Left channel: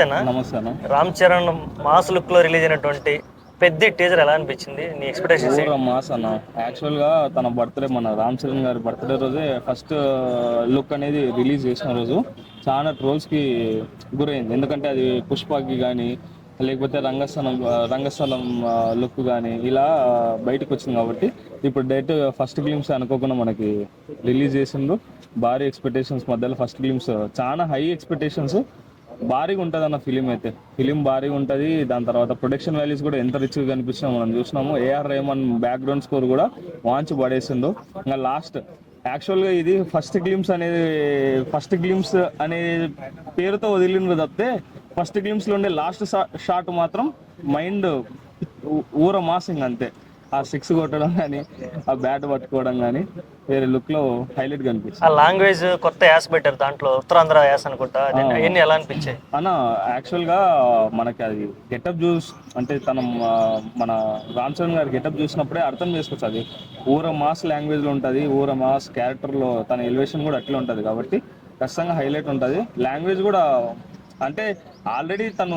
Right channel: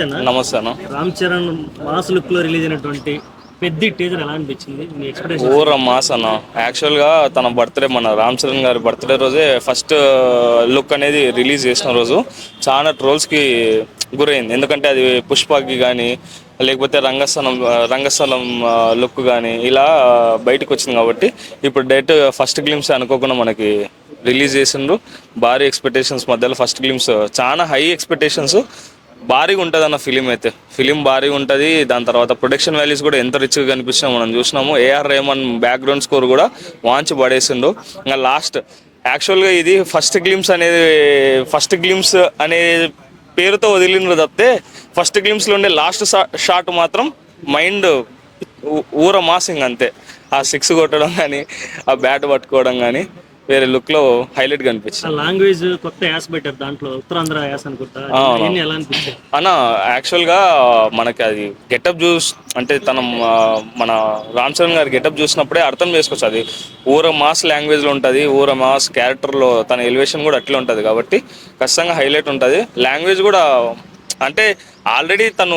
నమస్తేనా. నమస్తే అన్న. రామ్ చరణ్ మాస్ లుక్ లో రిలీజ్ అయినటువంటి పెద్ద టీజర్ ఎలా అనిపించింది, నీ ఎక్స్పెక్టేషన్స్ ఊర మాస్ అన్న. యాక్చువల్గా తన బర్త్డే, మన రామ్ చరణ్ గారి బర్త్డే రోజే ఫస్ట్ లుక్ అనేది రిలీజ్ చేసిన రోజు చాలా ట్రోల్స్కి గురైంది. ఎందుకంటే అది పుష్పకి కానీ లేకపోతే రంగస్థలం లుక్ కానీ ఇలా బయటకు వచ్చింది. కాబట్టి ఇప్పుడు డైరెక్ట్ ఫస్ట్ గ్లిమ్స్ అనుకోకుండా మనకి రిలీజ్ చేసిండ్రు. భారీ ఎక్స్పెక్టేషన్స్ మధ్యలో ఫస్ట్ గ్లిమ్స్, చాలా హై ఎక్స్పెక్టేషన్స్. భారీగా ఉంటుంది అన్న ఫిలిం అయితే. ఫిలిం భారీగా ఉంటుంది. దాని తర్వాత ప్రొడక్షన్ వాల్యూస్ కూడా ఎంత రిచ్గా కనిపిస్తున్నా మనం చూసినాము. ఏఆర్ రెహమాన్ బ్యాక్గ్రౌండ్ స్కోర్ కూడా వాంచి పడేసిండు. ఇంకా లాస్ట్ యాక్చువల్గా ఇది ఫస్ట్ గ్లిమ్స్ అనే పేరుతో వదిలిన తప్పితే ఫస్ట్ గ్లిమ్స్లో ఉండే లాస్ట్ షాట్ మాత్రం మైండ్ ఊర మాసింగ్ అంతే. ఆ సిక్స్ కొట్టడం కానీ, ఆ బ్యాట్ పట్టుకోవడం కానీ వేరే లుక్లో హైలైట్ కనిపించింది. ఆ లాంగ్వేజ్ కొత్త యాస్ పెట్టారు, దాంట్లో ఉత్తరాంధ్ర యాస్ అనుకుంటా. ఇవన్నీ ఎలా అనిపించాయి అన్న? యాక్చువల్గా మనకి అది గెటప్ అంటే మన రామ్ చరణ్ గారి గెటప్ చూసినప్పుడే అర్థం చేసుకోవచ్చు. అది ఊర మాస్ లాంగ్వేజ్లో ఉంటుంది. ఊర మాస్ క్యారెక్టర్లో తన ఎలివేషన్ కూడా అట్లే ఉంటుంది. కాబట్టి ఖచ్చితంగా హైలైట్ ఉంటుంది. లాంగ్వేజ్ కూడా అంటే ఆల్రెడీ తను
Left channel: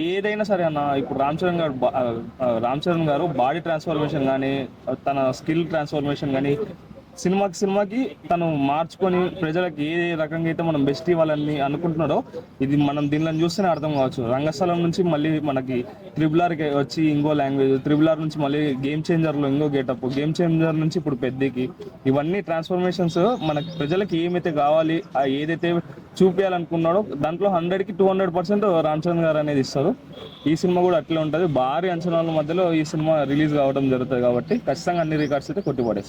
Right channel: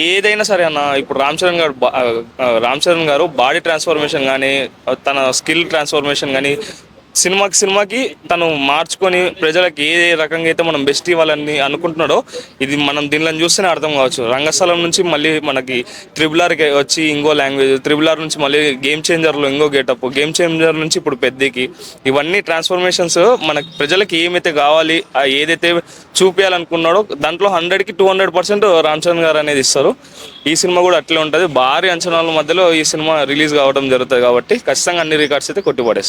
ఏదైనా సరే అన్న, ఇప్పుడు రామ్ చరణ్ గారు బాడీ ట్రాన్స్ఫర్మేషన్ కానీ, తన స్కిల్ ట్రాన్స్ఫర్మేషన్ కానీ సినిమాకి తను మార్చుకొని ప్రజలకు ఏ రకంగా అయితే మనం బెస్ట్ ఇవ్వాలని అనుకుంటున్నాడో, ఇది మనం దీనిలో చూస్తేనే అర్థం కావచ్చు. రంగస్థలం నుంచి మళ్ళీ మనకి త్రిబుల్ వచ్చి ఇంకో లాంగ్వేజ్, త్రిబుల్ నుంచి మళ్ళీ గేమ్ చేంజర్లో ఇంకో గెటప్, గేమ్ చేంజర్ నుంచి ఇప్పుడు పెద్దకి, ఇవన్నీ ట్రాన్స్ఫర్మేషన్స్ మనకి ప్రజలకి ఏమైతే కావాలి, ఏదైతే చూపించాలనుకున్నాడో దాంట్లో 100కి 200% రామ్ చరణ్ గారు అనేది ఇస్తారు. ఈ సినిమా కూడా అట్లే ఉంటుంది. భారీ అంచనాల మధ్యలో ఈ సినిమా రిలీజ్ కావడం జరుగుతుంది. కాబట్టి ఖచ్చితంగా అన్ని రికార్డ్స్ అయితే కొట్టిపడేస్తారు.